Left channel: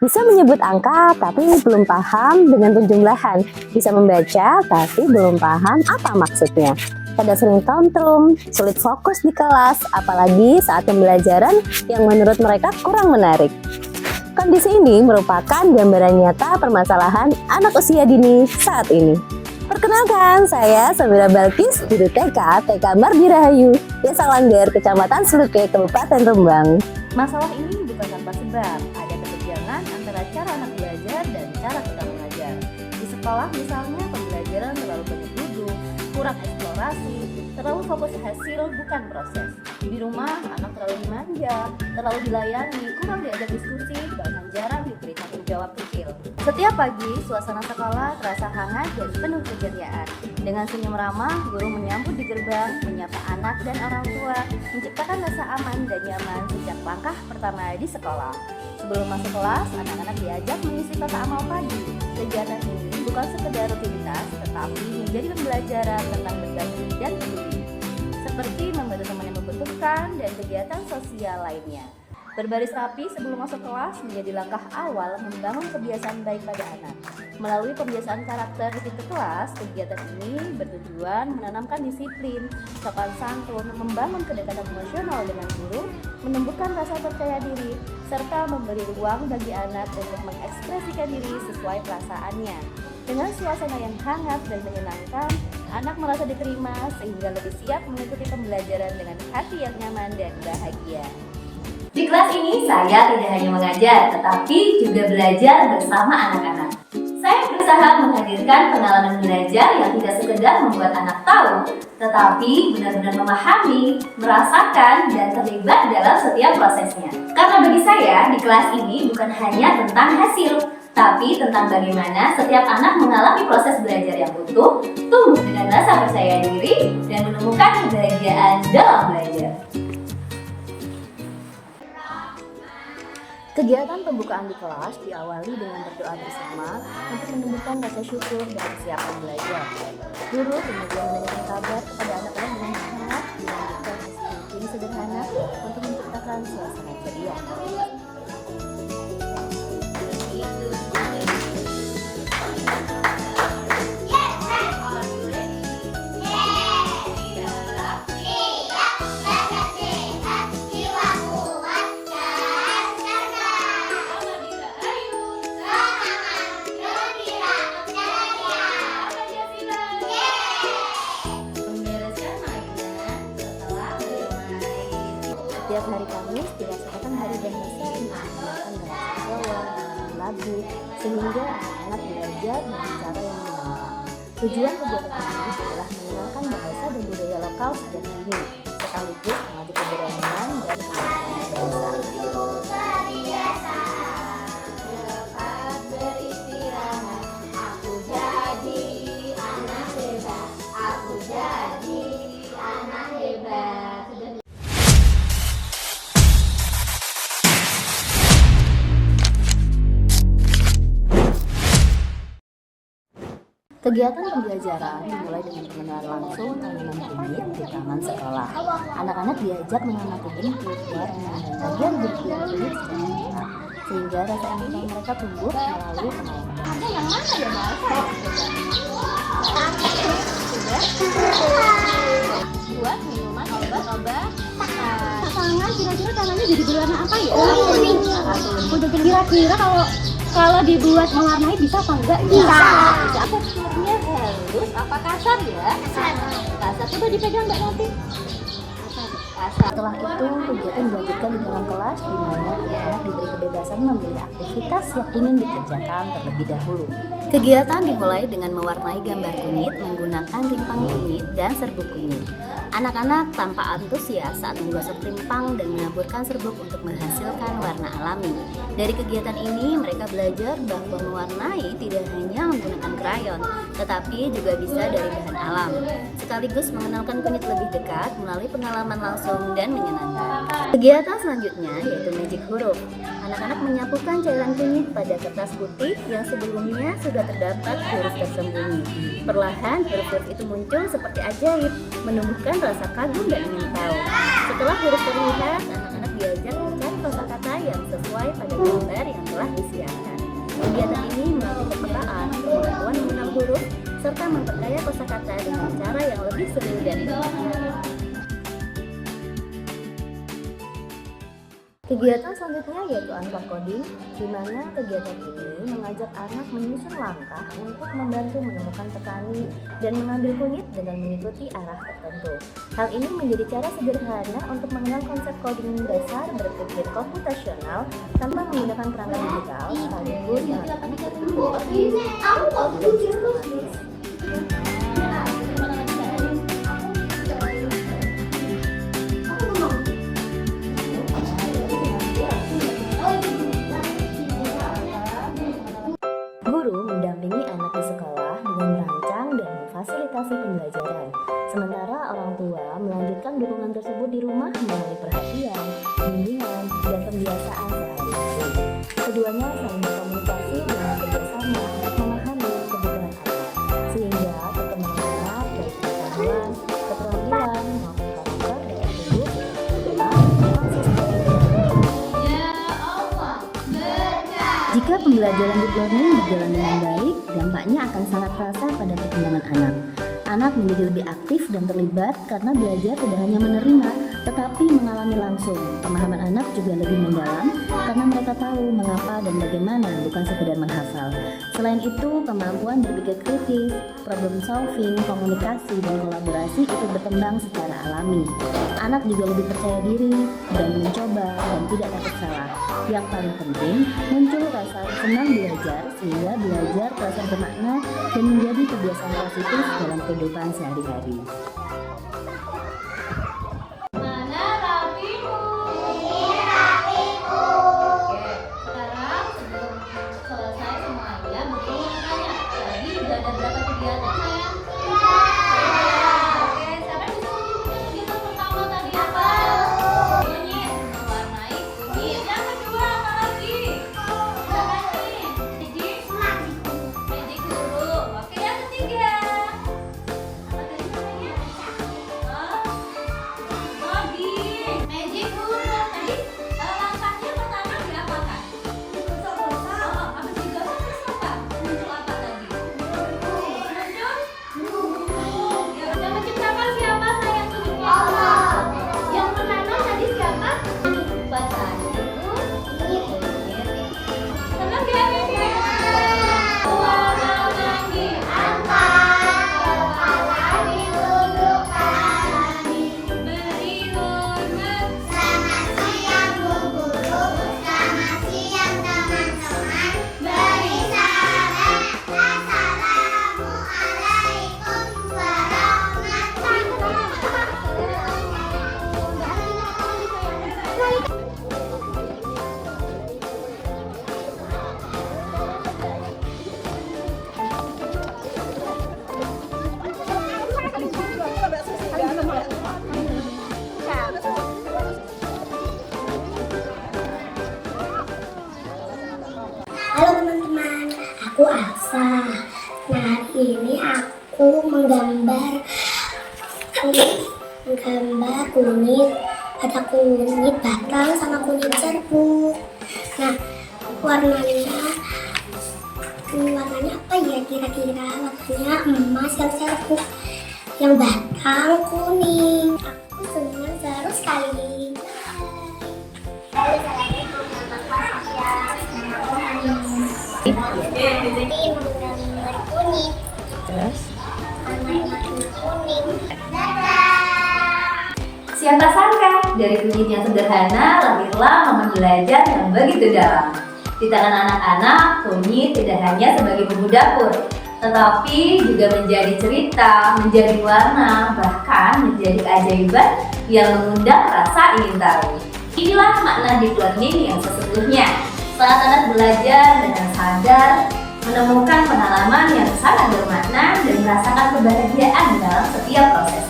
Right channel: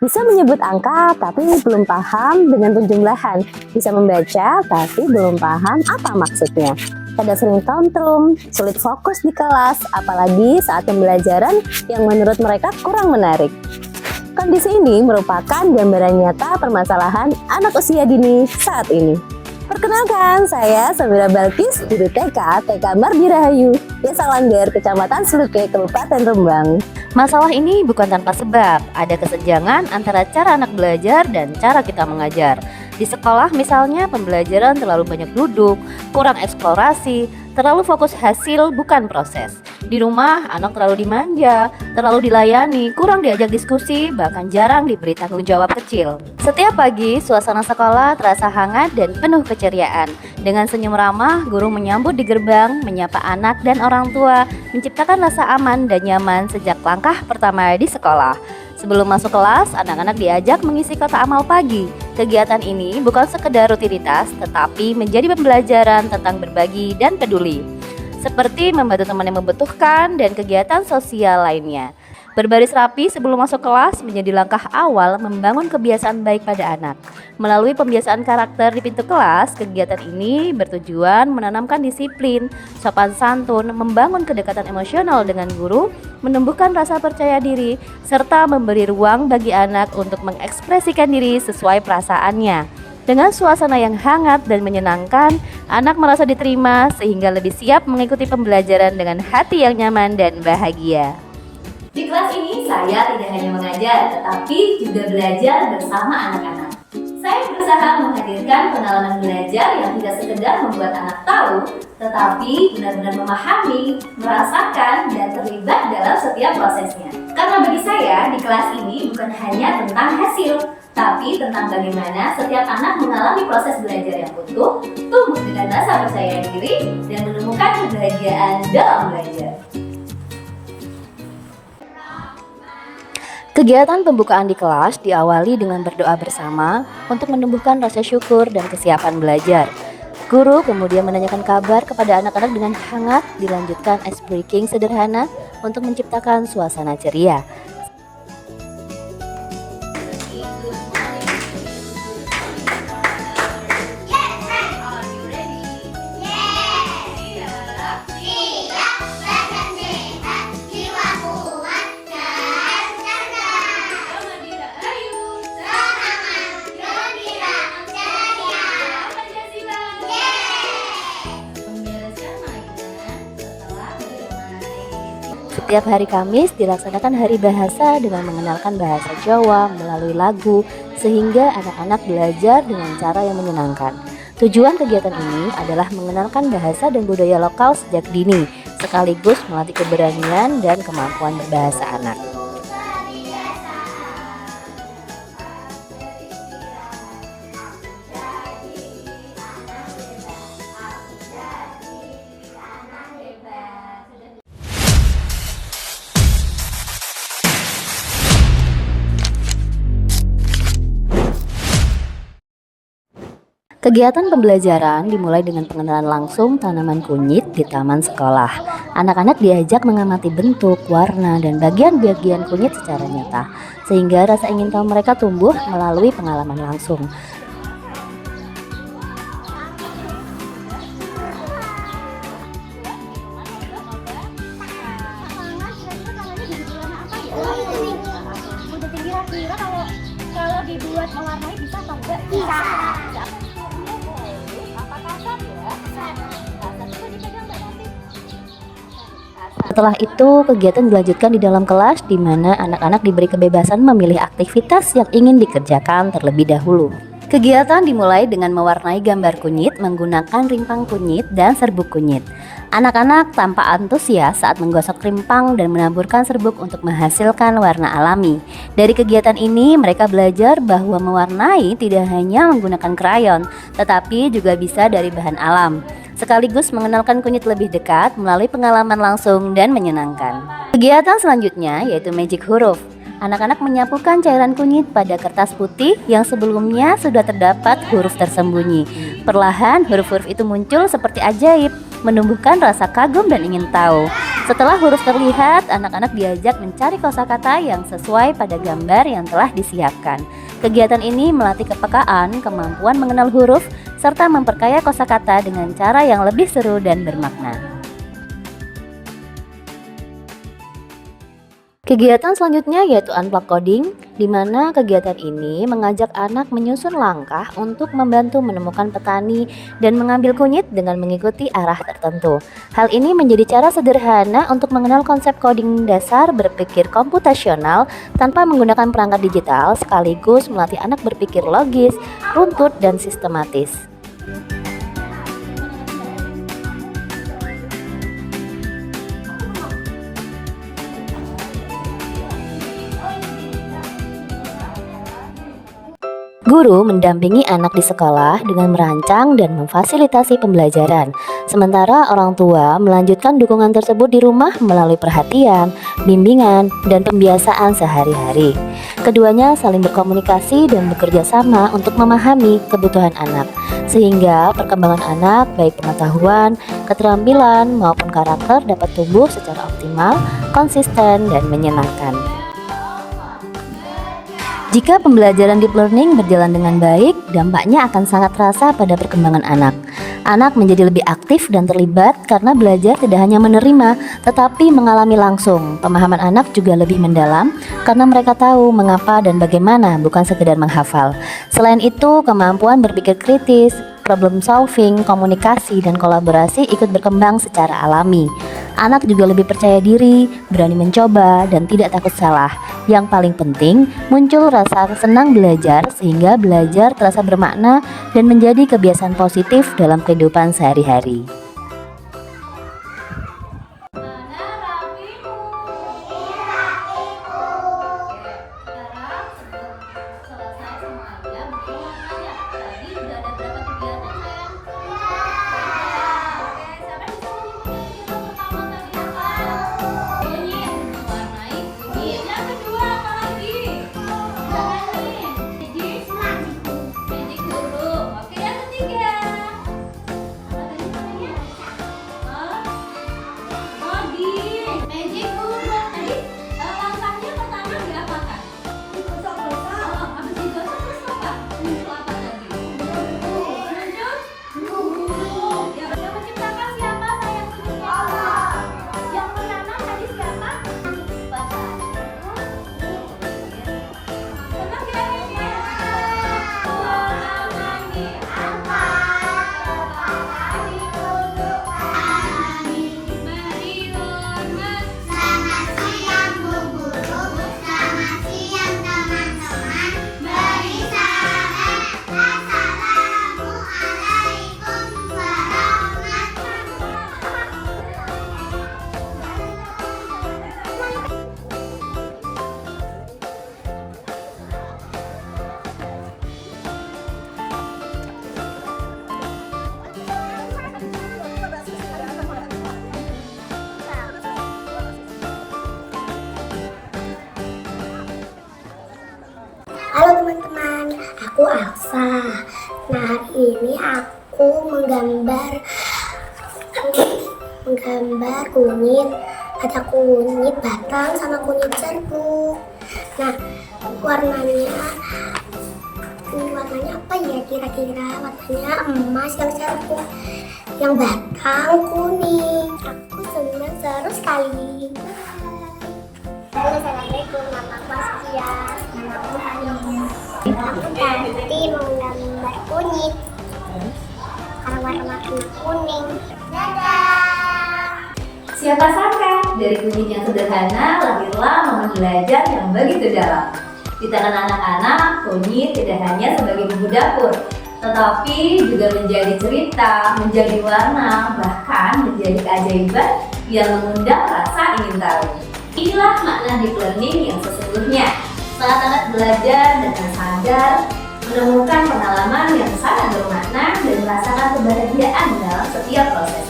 Bisa menyebut angka tapi belum paham dengan penjumlahan. Bisa membaca tapi belum paham apa maksudnya. Kadang sering tantrum, sulit fokus di kelas, apalagi saat pembelajaran yang menurut mereka kurang menarik. Kondisi ini merupakan gambaran nyata permasalahan anak usia dini saat ini. Perkenalkan, saya Samira Balkis, guru TK Mardi Rahayu, Desa Langgar, Kecamatan Sluke, Kabupaten Rembang. Masalah ini bukan tanpa sebab, ada kesenjangan antara cara anak belajar dan cara kita mengajar. Di sekolah misalnya pembelajaran terlalu banyak duduk, kurang eksplorasi, terlalu fokus hasil bukan proses. Di rumah anak terlalu dimanja, terlalu dilayani, kurang diajak diskusi, bahkan jarang diberi tanggung jawab kecil. Setiap pagi suasana sekolah terasa hangat dan penuh keceriaan. Dengan senyum ramah, guru menyambut di gerbang, menyapa anak dan orang tua, menciptakan rasa aman dan nyaman sejak langkah pertama di sekolah. Sebelum masuk kelas, anak-anak diajak mengisi kotak amal pagi. Kegiatan ini bukan sekedar rutinitas, tetapi menjadi pembelajaran tentang berbagi dan peduli. Seperti membantu teman yang membutuhkan dan kegiatan sosial lainnya. Berbaris rapi sebelum masuk kelas menjadi langkah awal membangun kebiasaan baik pada anak. Melalui pembiasaan karakter di pintu kelas, kegiatan ini bertujuan menanamkan disiplin, sopan santun, membangun kedekatan emosional dengan guru, menumbuhkan rasa percaya diri, serta memberi ruang bagi anak untuk mengekspresikan diri sesuai perasaannya. Dengan suasana yang hangat dan menyenangkan, anak merasa diterima sehingga lebih siap mengikuti pembelajaran dengan hati yang nyaman dan bahagia. Di kelas ini saya tidak hanya mengajar, tetapi juga belajar bersama anak-anak. Saya berusaha menghadirkan pengalaman belajar yang tidak sekedar membuat anak tahu, tetapi benar-benar memahami, merasakan, dan terlibat dalam setiap prosesnya. Karena bagi saya, di kelas ini bukan hanya tentang hasil, tapi tentang bagaimana setiap anak mengalami proses belajar yang utuh, tumbuh dengan rasa percaya diri, dan menemukan kebahagiaan dalam belajar. Kegiatan pembukaan di kelas diawali dengan berdoa bersama untuk menumbuhkan rasa syukur dan kesiapan belajar. Guru kemudian menanyakan kabar kepada anak-anak dengan hangat, dilanjutkan ice breaking sederhana untuk menciptakan suasana ceria. Setiap hari Kamis dilaksanakan hari bahasa dengan mengenalkan bahasa Jawa melalui lagu sehingga anak-anak belajar dengan cara yang menyenangkan. Tujuan kegiatan ini adalah mengenalkan bahasa dan budaya lokal sejak dini, sekaligus melatih keberanian dan kemampuan berbahasa anak. Kegiatan pembelajaran dimulai dengan pengenalan langsung tanaman kunyit di taman sekolah. Anak-anak diajak mengamati bentuk, warna, dan bagian-bagian kunyit secara nyata, sehingga rasa ingin tahu mereka tumbuh melalui pengalaman langsung. Kira-kira tangannya jadi berwarna apa ya? Kuning. Udah kira-kira kalau dibuat mewarnai bisa apa enggak? Bisa. Apa teksturnya halus, apa kasar ya? Kasar. Kasar, coba dipegang Mbak Nanti. Setelah itu, kegiatan dilanjutkan di dalam kelas di mana anak-anak diberi kebebasan memilih aktivitas yang ingin dikerjakan terlebih dahulu. Kegiatan dimulai dengan mewarnai gambar kunyit menggunakan rimpang kunyit dan serbuk kunyit. Anak-anak tampak antusias saat menggosok rimpang dan menaburkan serbuk untuk menghasilkan warna alami. Dari kegiatan ini, mereka belajar bahwa mewarnai tidak hanya menggunakan krayon, tetapi juga bisa dari bahan alam. Sekaligus mengenalkan kunyit lebih dekat melalui pengalaman langsung dan menyenangkan. Kegiatan selanjutnya yaitu magic huruf. Anak-anak menyapukan cairan kunyit pada kertas putih yang sebelumnya sudah terdapat huruf tersembunyi. Perlahan huruf-huruf itu muncul seperti ajaib, menumbuhkan rasa kagum dan ingin tahu. Setelah huruf terlihat, anak-anak diajak mencari kosakata yang sesuai pada gambar yang telah disiapkan. Kegiatan ini melatih kepekaan, kemampuan mengenal huruf, serta memperkaya kosakata dengan cara yang lebih seru dan bermakna. Kegiatan selanjutnya yaitu unplug coding, di mana kegiatan ini mengajak anak menyusun langkah untuk membantu menemukan petani dan mengambil kunyit dengan mengikuti arah tertentu. Hal ini menjadi cara sederhana untuk mengenal konsep coding dasar berpikir komputasional tanpa menggunakan perangkat digital, sekaligus melatih anak berpikir logis, runtut, dan sistematis. Guru mendampingi anak di sekolah dengan merancang dan memfasilitasi pembelajaran, sementara orang tua melanjutkan dukungan tersebut di rumah melalui perhatian, bimbingan, dan pembiasaan sehari-hari. Keduanya saling berkomunikasi dan bekerja sama untuk memahami kebutuhan anak, sehingga perkembangan anak baik pengetahuan, keterampilan, maupun karakter dapat tumbuh secara optimal, konsisten, dan menyenangkan. Jika pembelajaran deep learning berjalan dengan baik, dampaknya akan sangat terasa pada perkembangan anak. Anak menjadi lebih aktif dan terlibat karena belajar tidak hanya menerima, tetapi mengalami langsung. Pemahaman anak juga lebih mendalam karena mereka tahu mengapa dan bagaimana, bukan sekedar menghafal. Selain itu, kemampuan berpikir kritis, problem solving, komunikasi, dan kolaborasi ikut berkembang secara alami. Anak juga lebih percaya diri, berani mencoba, dan tidak takut salah. Yang paling penting, muncul rasa senang belajar sehingga belajar terasa bermakna dan menjadi kebiasaan positif dalam kehidupan sehari-hari. Mana rapimu? Ini rapimu. Oke, sekarang sebelum selesai semuanya, Bunda mau tanya, tadi udah ada berapa kegiatan, sayang? Oke, siapa yang bisa menyebutkan kegiatan pertama tadi apa? Kunyit, mewarnai kunyit. Yang kedua apa lagi? Jangan nih. Magic huruf. Oke, yang ketiga. Apa tadi namanya? Hah? Coding. Magic huruf. Tadi langkahnya pertama diapakan? Digosok-gosok. Habis digosok terus apa? Muncul apa tadi? Huruf. Yang menciptakan siapa, sayang, kunyitnya? Yang menanam tadi siapa? Petani itu kunyit. Senang dia ini? Warna lagi. Beri hormat. Selamat siang Bu Guru, selamat siang teman-teman. Beri salam, Assalamualaikum Halo teman-teman, aku Alsa. Nah, hari ini aku menggambar kunyit. Ada kunyit batang sama kunyit serbuk. Nah, warnanya apa ya kira-kira? Warnanya emas yang serbuk, yang batang kuning. Aku senang seru sekali. Halo, assalamualaikum, namaku Askia. Aku nanti menggambar kunyit. Terus? Karena warna kuning. Dadah. Siapa sangka dari kunyit yang sederhana lahirlah momen belajar yang begitu dalam. Di tangan anak-anak, kunyit tidak hanya sebagai bumbu dapur, tetapi juga menjadi cerita, menjadi warna, bahkan menjadi keajaiban yang mengundang rasa ingin tahu. Inilah makna deep learning yang sesungguhnya. Saat anak belajar dengan sadar, menemukan pengalaman yang sangat bermakna dan merasakan kebahagiaan dalam setiap proses.